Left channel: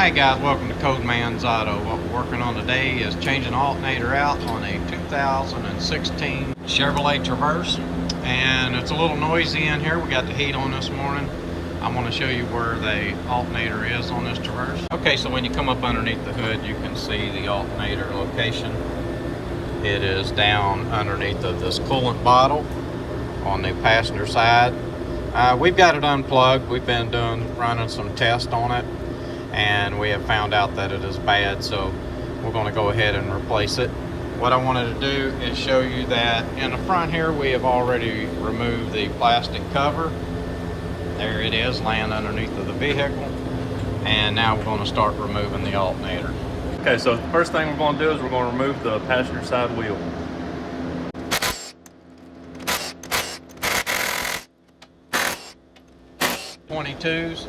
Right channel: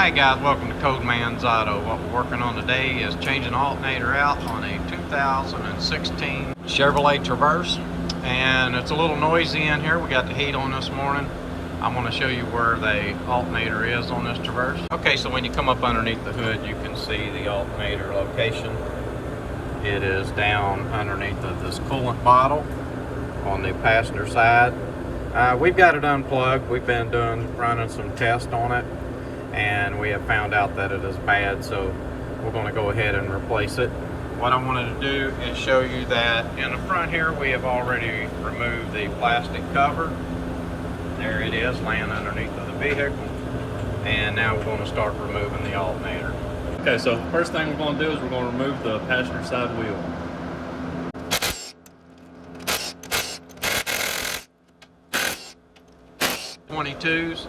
Hi guys, welcome to Code Man's Auto. What we're working on today is changing the alternator out on a 2016 Chevrolet Traverse. And it's a little noisy in here. We got the heat on this morning. I want to show you where the alternator is on this Traverse. Okay, so when you come up underneath the hood, you can see the alternator location. It is down underneath of this coolant bottle on the passenger side. We've got it unplugged. We've been running some tests on it, and we have found out that it is bad, so we're going to go ahead and replace it. What I wanted to do is show you that in the front here we have already removed the plastic cover. There it is, laying underneath of the vehicle, and now we're going to start removing the alternator. Okay, so the first thing we're going to do is we're going to remove the passenger side wheel. .22s,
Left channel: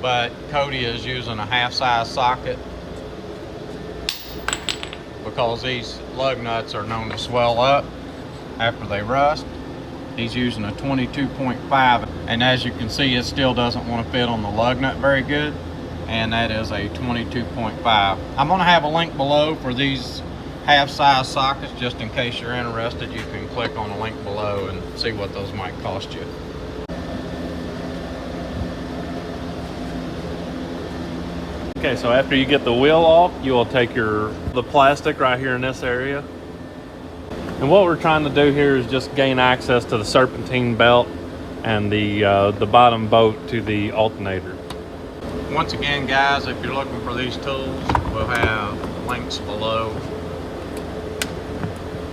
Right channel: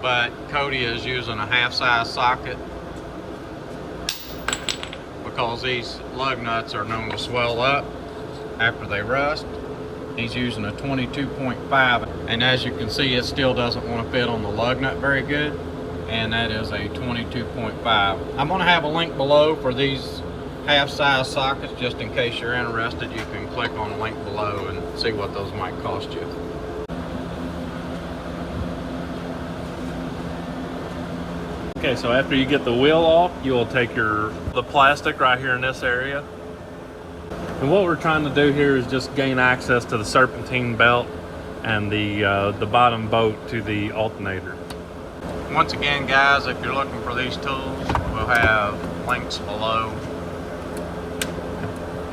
but Cody is using a half-size socket because these lug nuts are known to swell up after they rust. He's using a 22.5, and as you can see, it still doesn't want to fit on the lug nut very good, and that is a 22.5. I'm going to have a link below for these half-size sockets. Just in case you're interested, you can click on the link below and see what those might cost you. Okay, so after you get the wheel off, you will take the plastic right here in this area. And what we're trying to do here is just gain access to the serpentine belt and the bottom bolt to the alternator. Once again, guys, if you're looking for these tools, we'll have links below.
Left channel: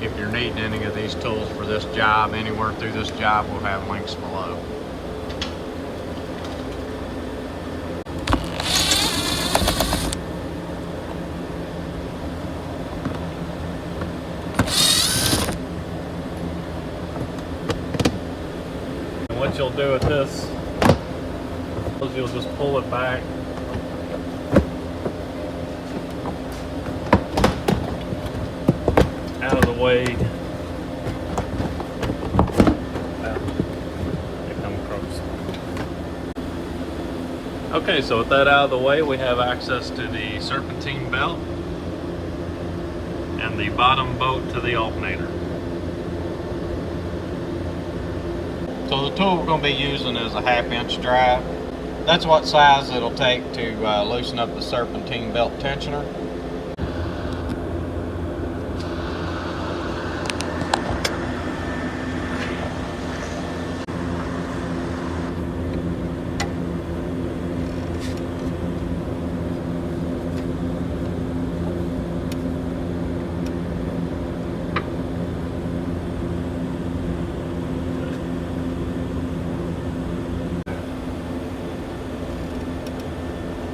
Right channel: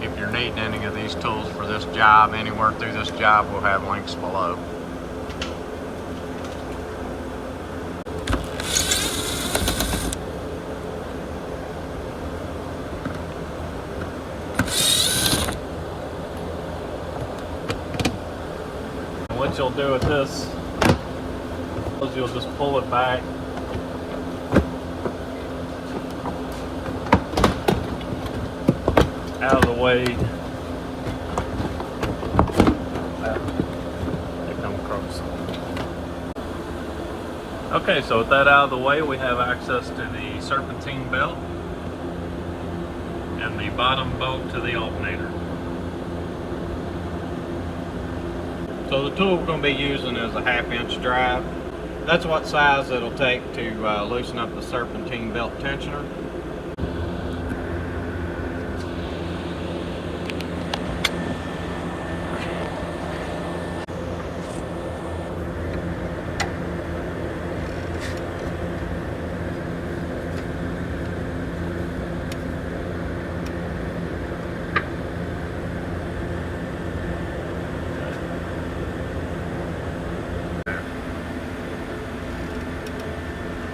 If you're needing any of these tools for this job, anywhere through this job, we'll have links below. What you'll do with this is you'll just pull it back out of the way. They come across. Okay, so with that out of the way, we have access to the serpentine belt and the bottom bolt to the alternator. So the tool we're going to be using is a 1/2-inch drive. That's what size it'll take to loosen up the serpentine belt tensioner.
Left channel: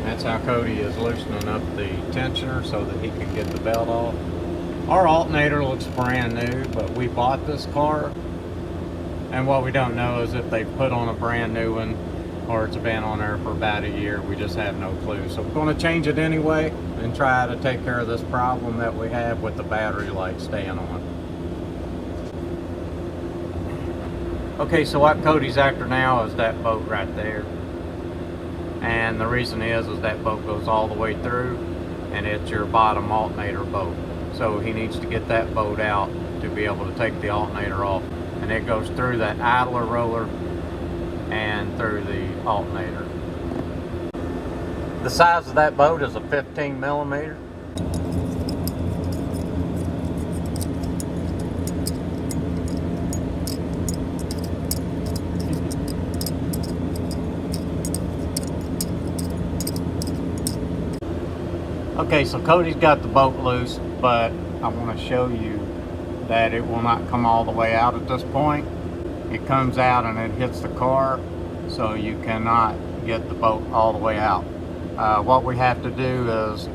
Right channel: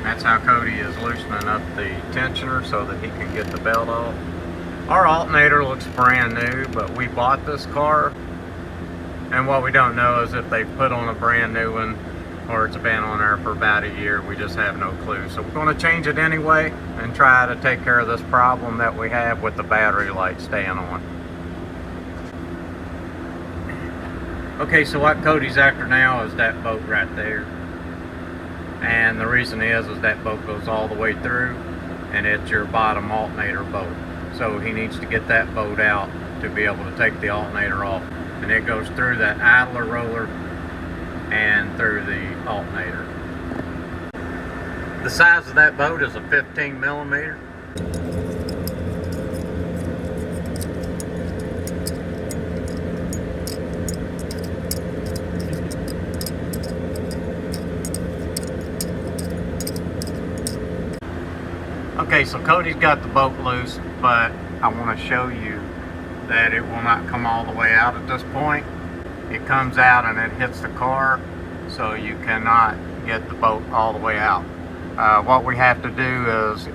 That's how Cody is loosening up the tensioner so that he can get the belt off. Our alternator looks brand new, but we bought this car, and what we don't know is if they put on a brand new one or it's been on there for about a year. We just have no clue. So we're going to change it anyway and try to take care of this problem that we have with the battery light staying on. Okay, so what Cody's after now is that bolt right there. And the reason is that bolt goes all the way through, and it's your bottom alternator bolt. So he needs to get that bolt out to be able to take the alternator off. And it goes through that idler roller and through the alternator. The size of that bolt is a 15 millimeter. Okay, so Cody's got the bolt loose, but I want to show you that it will not come all the way out at this point. It comes out and it hits the car, so you cannot get the bolt all the way out. What we have to do is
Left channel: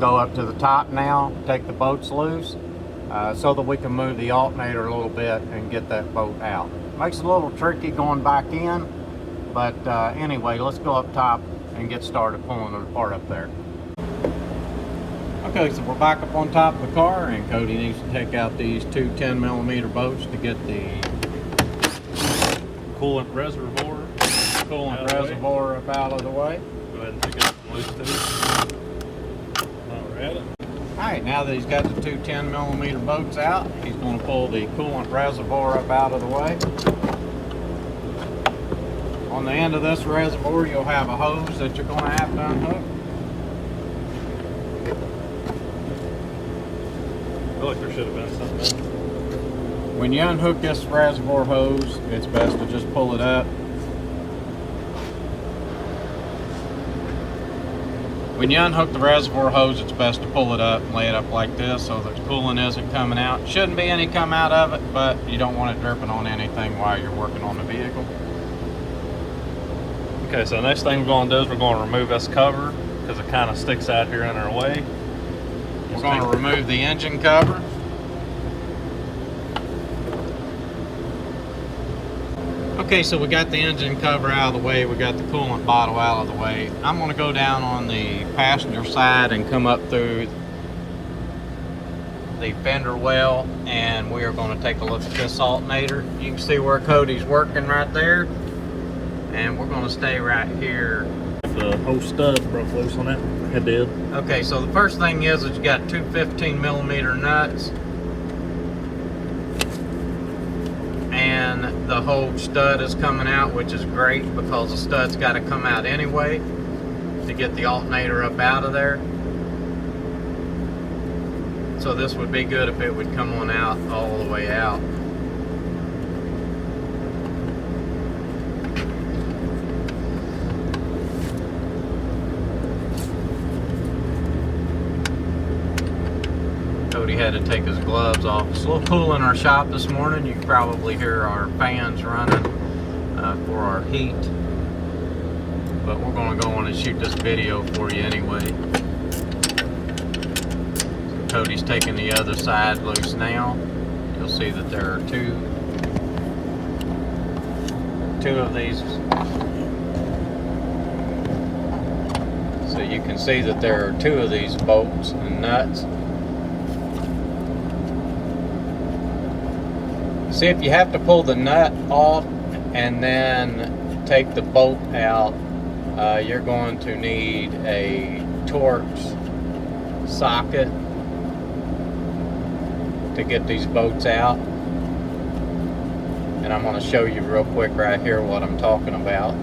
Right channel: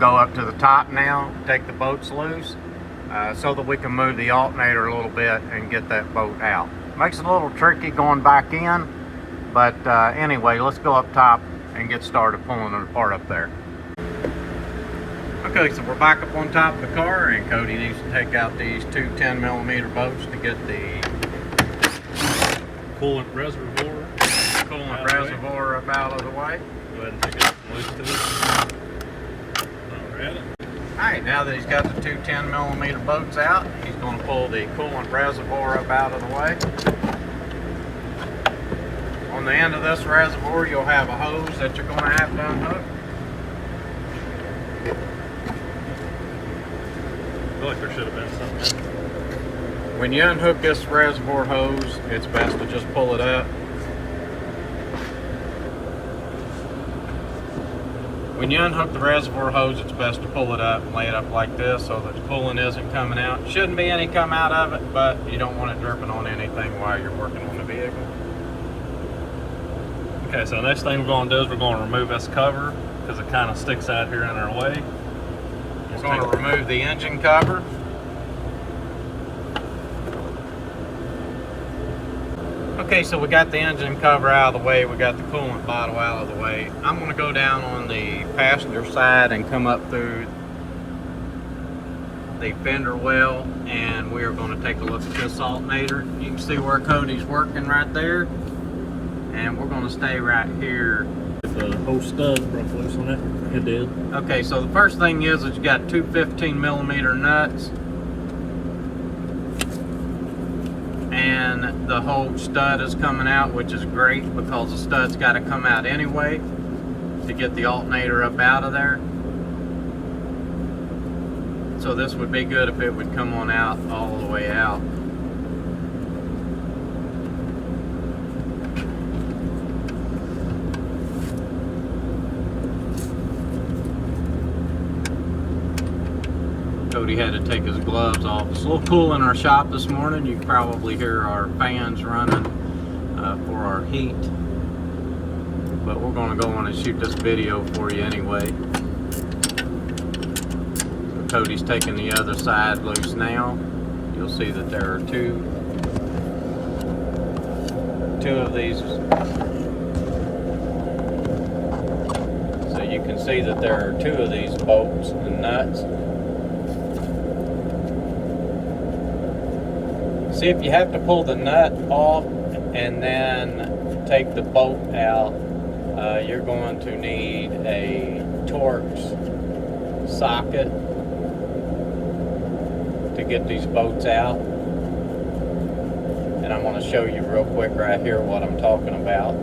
go up to the top now, take the bolts loose, so that we can move the alternator a little bit and get that bolt out. Makes it a little tricky going back in, but anyway, let's go up top and get started pulling it apart up there. Okay, so we're back up on top of the car, and Cody needs to take out these two 10 millimeter bolts to get the coolant reservoir up out of the way. Go ahead and take it loose too. Alright, now that he's got the two 10mm bolts out, he's going to pull the coolant reservoir up out of the way. On the end of this reservoir, you'll have a hose that you're going to have to unhook. I feel like there should have been something. When you unhook this reservoir hose, it's best to just pull it up. When you unhook the reservoir hose, it's best to pull it up and lay it up like this so that the coolant isn't coming out. Shouldn't be any come out of it, but you don't want it dripping on anything while you're working on the vehicle. Okay, so the next thing we're going to do is we're going to remove this cover because it kind of sticks out here in our way. We're going to remove the engine cover. Okay, so we got the engine cover out of the way, we got the coolant bottle out of the way. I'm going to go down on the passenger side and come up through the fender well, and we are going to take a look at this alternator. You can see where Cody's working right there, and we're going to stay right here. The whole stud broke loose on it. It did. Okay, so the first thing is that you got two 15mm nuts, and the whole stud is coming out, which is great because the stud's got to come out anyway to get the alternator up out of there. So this would be good if it would come on out all the way out. Cody had to take his gloves off. It's a little cool in our shop this morning. You can probably hear our fans running for our heat. But we're going to go on and shoot this video for you anyway. So Cody's taking the other side loose now. You'll see that there are two of these. So you can see that there are two of these bolts and nuts. See, if you have to pull the nut off and then take the bolt out, you're going to need a Torx socket to get these bolts out. And I'm going to show you real quick right here what I'm talking about.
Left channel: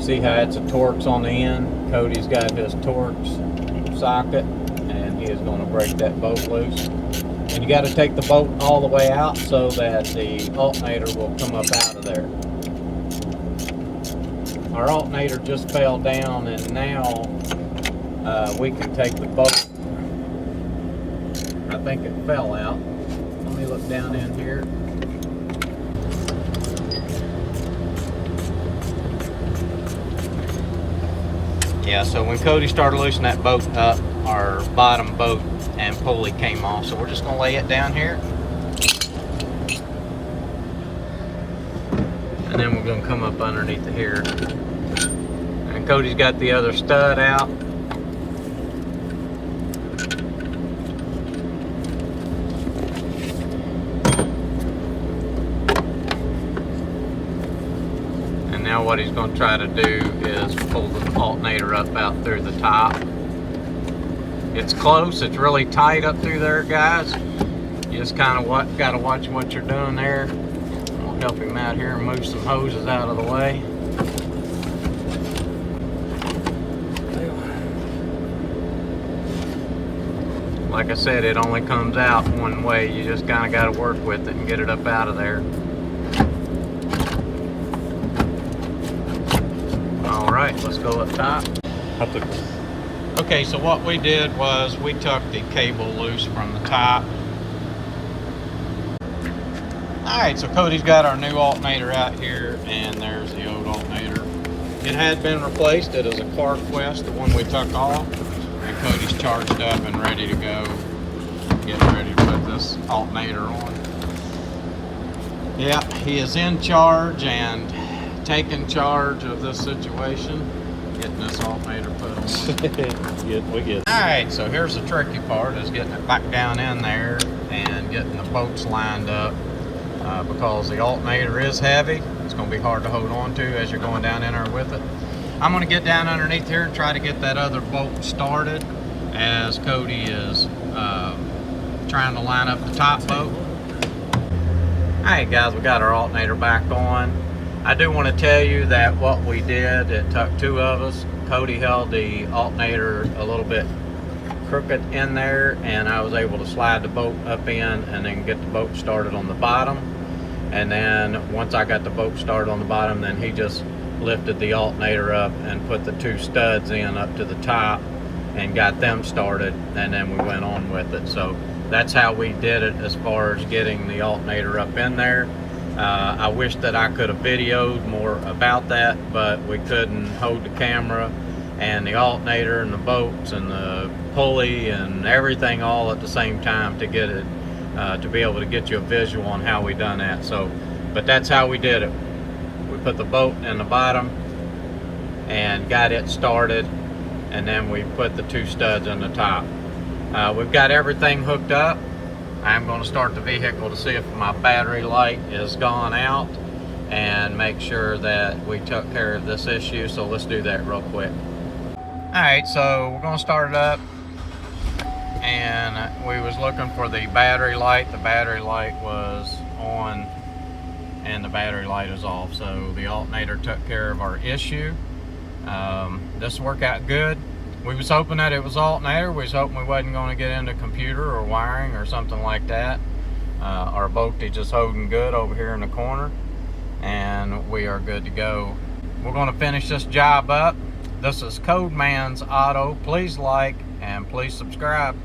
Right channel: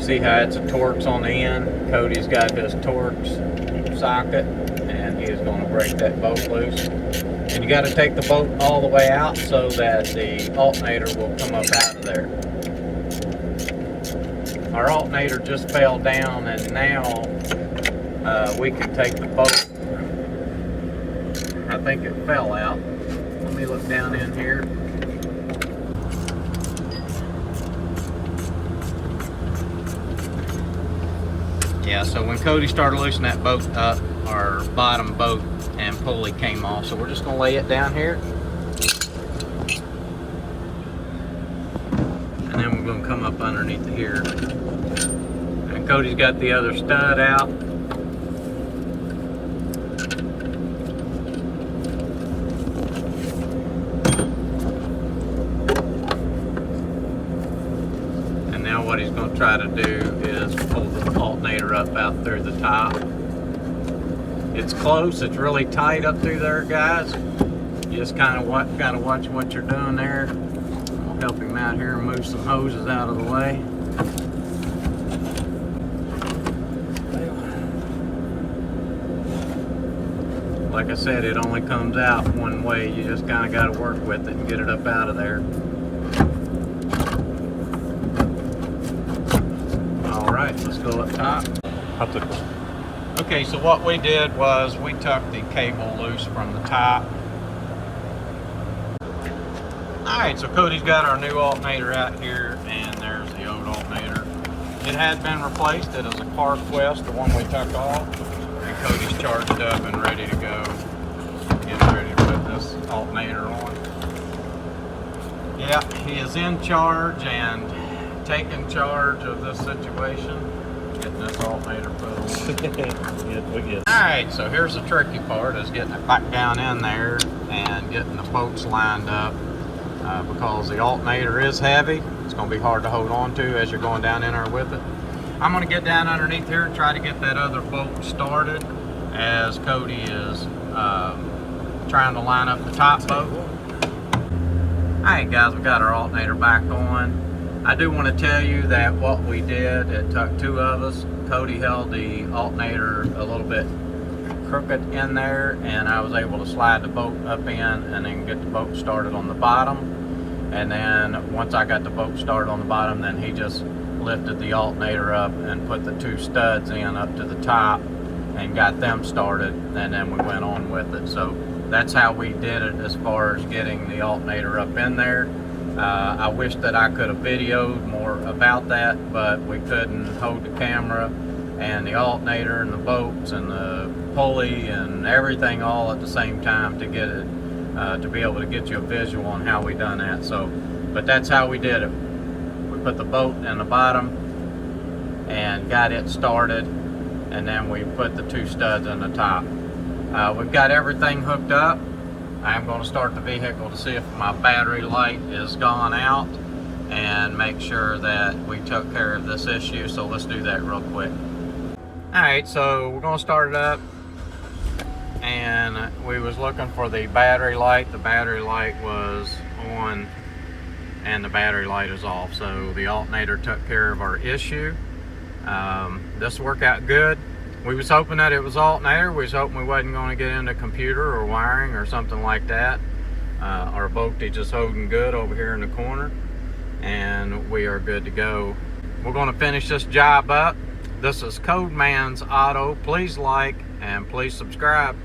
See how it's a Torx on the end? Cody's got his Torx socket, and he is going to break that bolt loose. And you got to take the bolt all the way out so that the alternator will come up out of there. Our alternator just fell down, and now we can take the bolt. I think it fell out. Let me look down in here. Yeah, so when Cody started loosening that bolt up, our bottom bolt and pulley came off. So we're just going to lay it down here. And then we're going to come up underneath here. And Cody's got the other stud out. And now what he's going to try to do is pull the alternator up out through the top. It's close, it's really tight up through there, guys. You just kind of got to watch what you're doing there. I'll help him out here and move some hoses out of the way. Like I said, it only comes out one way. You just kind of got to work with it and get it up out of there. Let's go up top. Okay, so what we did was we took the cable loose from the top. Alright, so Cody's got our new alternator out here, and there's the old alternator. It had been replaced. It is a car twist, the one we took off. And Cody's charged up and ready to go. Getting ready to put this alternator on. Yeah, he is in charge, and taking charge of this situation, getting this alternator put on. We get. All right, so here's the tricky part, is getting it back down in there and getting the bolts lined up, because the alternator is heavy. It's going to be hard to hold on to as you're going down in there with it. I'm going to get down underneath here and try to get that other bolt started as Cody is trying to line up the top bolt. Alright guys, we got our alternator back on. I do want to tell you that what we did, it took two of us. Cody held the alternator a little bit crooked in there, and I was able to slide the bolt up in and then get the bolt started on the bottom. And then once I got the bolt started on the bottom, then he just lifted the alternator up and put the two studs in up to the top and got them started, and then we went on with it. So that's how we did it as far as getting the alternator up in there. I wish that I could have videoed more about that, but we couldn't hold the camera and the alternator and the bolts and the pulley and everything all at the same time to get it, to be able to get you a visual on how we done that. So, but that's how we did it. We put the bolt in the bottom and got it started, and then we put the two studs on the top. We've got everything hooked up. I'm going to start the vehicle to see if my battery light is gone out and make sure that we took care of this issue. So let's do that real quick. Alright, so we're going to start it up, and we was looking for the battery light. The battery light was on and the battery light is off, so the alternator took care of our issue. This worked out good. We was hoping that it was alternator. We was hoping we wasn't going to get into computer or wiring or something like that. Our voltage is holding good over here in the corner, and we are good to go. We're going to finish this job up. This is Codeman's Auto. Please like and please subscribe.